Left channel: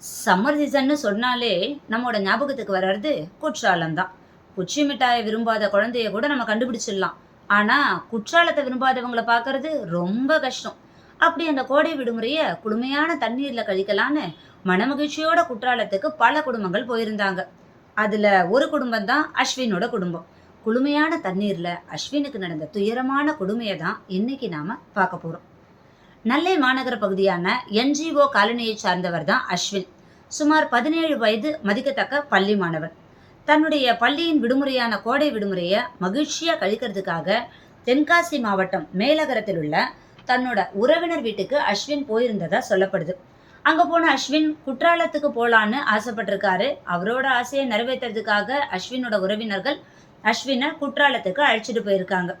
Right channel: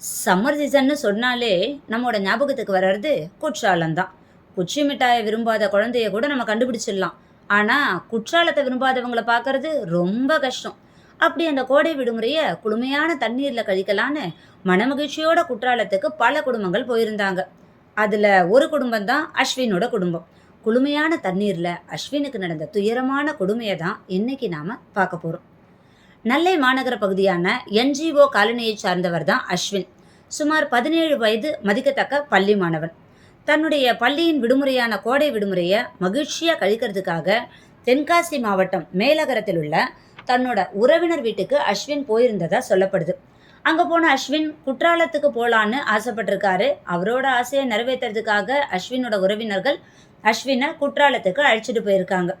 Summer சீசன்னு சொன்னாலே நம்மோட ஞாபகத்துக்கு வர்றது குற்றாலம் தான் குச்சி மிட்டாயை விரும்பாத குழந்தைய கூட நம்ம கண்டுபிடிச்சிடலாம். ஆனால் குற்றாலத்தை விரும்பாதவங்களை பார்க்கறது ரொம்ப கஷ்டம். அப்படி அந்த கோடை விடுமுறையை குளுமையான தண்ணீரில் கழிக்கலான்னு மனமகிழ்ச்சியோட குற்றாலத்துக்கு பல குடும்பங்கள் போயிருந்தாங்க. அதில் ஒரு குடும்பம் தான் அஸ்வினோட குடும்பம். குளுமையான தண்ணீரில் அஸ்வினுக்கு நடந்த துயரமான கொடுமையை தான் இன்னைக்கு நாம் பார்க்க போகிறோம் நெல்லை மாநகர பகுதியான என்ஜிஓ காலனியை சார்ந்தவர் தான் அஸ்வின். சுமார் பதினேழு வயது மதிக்கத்தக்க பள்ளி மாணவன். தன்னுடைய பள்ளியின் விடுமுறையான கோடை விடுமுறையை மகிழ்ச்சியாக கழிக்கிறதுக்காக தென்காசி மாவட்டம் மேலகரத்தில் உள்ள தன்னோட உறவினர் வீட்டுக்கு அஸ்வின் போயிருந்ததா சொல்லப்படுது. அங்கே போன அஸ்வின் குற்றாலத்துக்கு போகலான்னு ஆசைப்பட்டிருக்காரு. அவரோட ஆசையை நிறைவேற்றுறதுக்காக அஸ்வினோட உறவினர்கள் அஸ்வினை குற்றாலத்துக்கு அழைச்சிட்டு போயிருக்காங்க.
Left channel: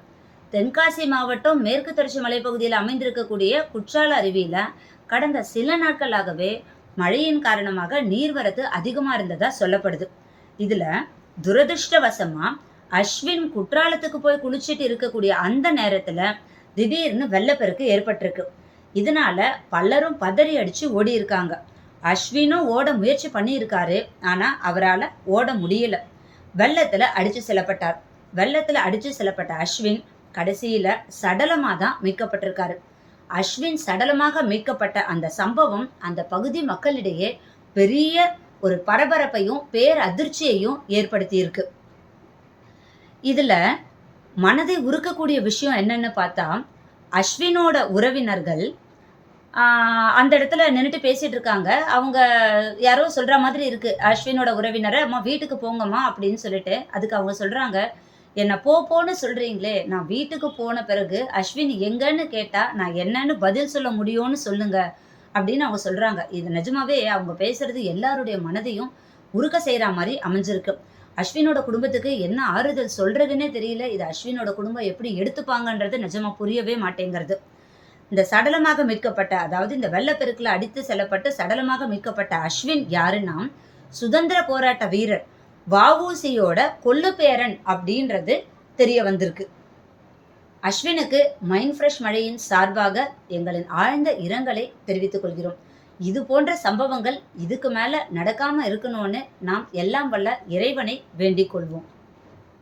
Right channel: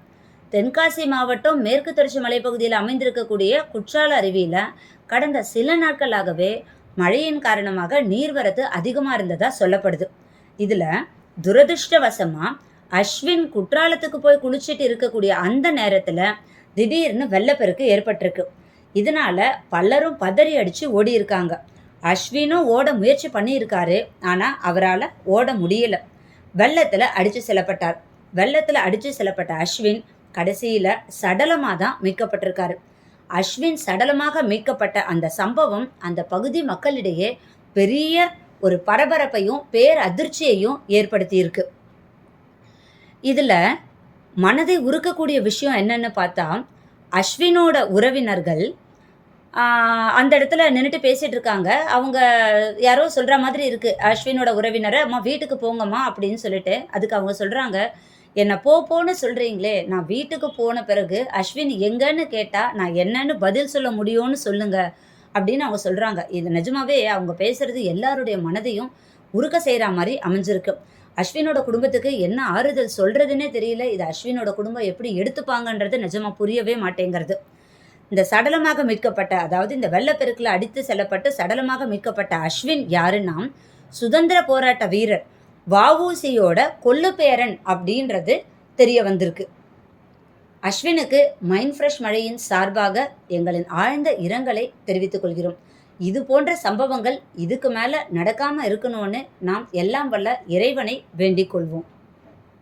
தென்காசி மாவட்டம் மேற்கு தொடர்ச்சி மலைப்பகுதியில் அமைந்திருக்கக்கூடிய குற்றால அருவியில் கடந்த சில நாட்களாகவே மழையின் காரணமாக நீர்வரத்து அதிகமாக இருந்ததா சொல்லப்படுது. இதில் துரதிருஷ்டவசமாக அஸ்வின் குற்றாலத்துக்கு போய் குளிச்சிட்டு இருக்கக்கூடிய அந்த நேரத்தில் திடீர்னு வெள்ளப்பெருக்கு ஏற்பட்டிருக்கு. இதனால பலரும் பதறி அடித்து ஓடி இருக்காங்க. அஸ்வினும் ஓட முயற்சி பண்ணியிருக்காரு ஆனால் அவரால் ஓட முடியல. வெள்ளத்தில் அடித்து செல்லப்பட்டார். வெள்ளத்தில் அடித்து செல்லப்பட்ட அஸ்வின் கடைசியில் சடலமாக தான் மீட்கப்பட்டிருக்காரு. அஸ்வின் சடலமாக மீட்கப்பட்ட அந்த சம்பவம் அந்த பகுதி மக்களிடையே பெரிய ஒரு பரபரப்பையும் பேர் அதிர்ச்சியையும் ஏற்படுத்தியிருக்கு. இதில் மனதை உருக்கக்கூடிய விஷயம் என்னன்னு பார்த்தா அஸ்வினோட உறவினர்கள் அந்த இடத்துல நின்றுட்டு பேசிகிட்டு இருக்காங்க. அவங்க யாரோ சொல்கிற மாதிரி இருக்குது அஸ்வினோட உறவினரை அம்மா வீட்டுக்கு போங்கம்மா அப்படின்னு சொல்லிட்டு அதுக்கு அவங்க சொல்கிறாங்க என்னை போ போன்னு சொல்கிறீங்களே நான் வீட்டுக்கு போன பிறகு அஸ்வின் எங்கன்னு கேட்டால் நான் என்னன்னு பதில் சொல்ல முடியும்னு சொல்லுங்க அப்படின்னு அவங்க சொல்கிறாங்க இது நிஜமாவே அவங்க பேசுறது எல்லாருடைய மனதையும் உருக்க செய்கிற மாதிரி அமைஞ்சிருக்கு. அஸ்வினோட குடும்பத்துக்கு என்ன ஆறுதல் சொல்கிறதுனே தெரியல. இது அஸ்வினோட குடும்பம் எப்படி எடுத்துப்பாங்கன்றது நிஜமாக புரியவே மாட்டேங்கிறது. இந்த சடலமாக மீட்கப்பட்ட அதாவது இந்த வெள்ளப்பெருக்கில் அடித்து செல்லப்பட்டு சடலமாக மீட்கப்பட்ட அஸ்வின் யாருன்னா சுதந்திர போராட்ட வீரர். வஉசியோட பேரன் அப்படின்றது தெரிய வந்திருக்கு. அஸ்வினுக்கு மைண்ட் ஃப்ரெஷ் மழையின் சார்பாக எங்களின் ஆழ்ந்த இரங்கலை தெரிவித்துக் கொள்கிறோம். இது போன்ற சம்பவங்கள் இதுக்கு மேலே நடக்காமல் இருக்கணும்னு நாம் எல்லாம் வல்ல இறைவனை வேண்டிக் கொள்வோம்.